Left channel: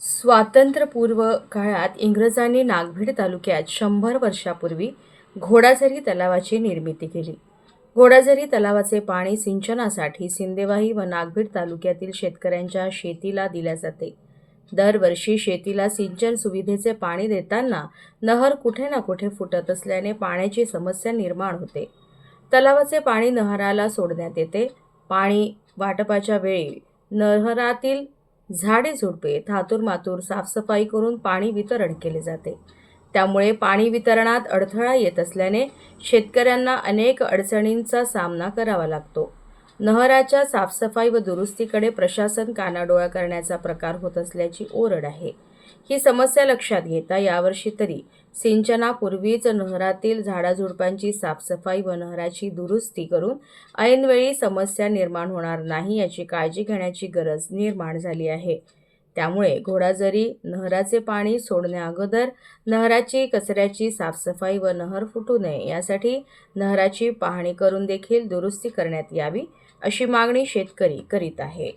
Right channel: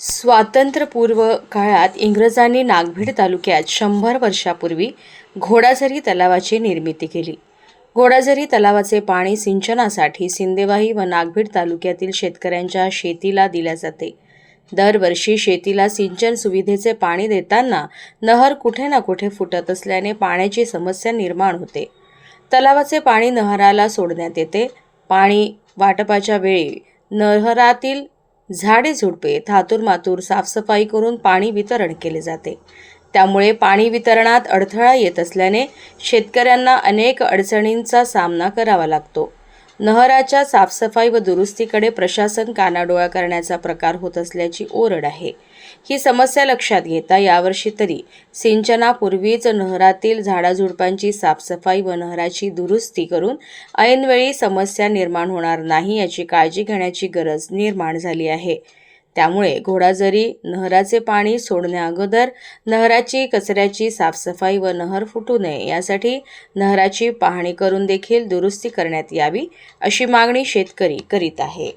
स्वातंत्र्यपूर्व काळात इंग्रजांनी नागभीड तालुक्यात शंभर वर्षापूर्वी घोडाझरी तलावाची निर्मिती केली. घोडाझरी तलावाचे पाणी सिंचनासाठी सिंदेवाही व नागभीड तालुक्यातील शेतकऱ्यांच्या शेतीला दिल्या जाते. दरवर्षी शेतीला सिंचन सुविधेचे पाणी देताना नहर कुठे ना कुठे फुटत असल्याने पाण्याची समस्या निर्माण होते. तलावाचे पाणी नहराला सोडण्यात येते. पाणी वाटपाच्या वेळी नहरातील झाडे झुडपे थातूर मातूर साफसफाई करून पाणी वितरण केले जाते. त्यामुळे पाणी वितरणात अडथळा येत असल्याने शेतकऱ्यांना अनेक अडचणींचा सामना करावा लागतो. नहराच्या साफसफाई व दुरुस्तीकडे प्रशासन कानाडोळा करण्याचा प्रकार होत असल्याची ओरड आहे. ही समस्या लक्षात घेता यावर्षी तरी सिंचनापूर्वीच नहरातील झाडाझुडपांची साफसफाई व नहराची दुरुस्ती करून ऐनवेळी समस्या निर्माण होणार नाही याची काळजी घेण्याची गरज निर्माण झाली आहे. त्यामुळे घोडाझरी नहराचे पाणी सोडण्याअगोदर नहराची कचऱ्याची साफसफाई व नहर फुटू नये यासाठी नहराची पाहणी करून देखील दुरुस्ती करण्यात यावी अशी मागणी शेतकरी करीत आहे.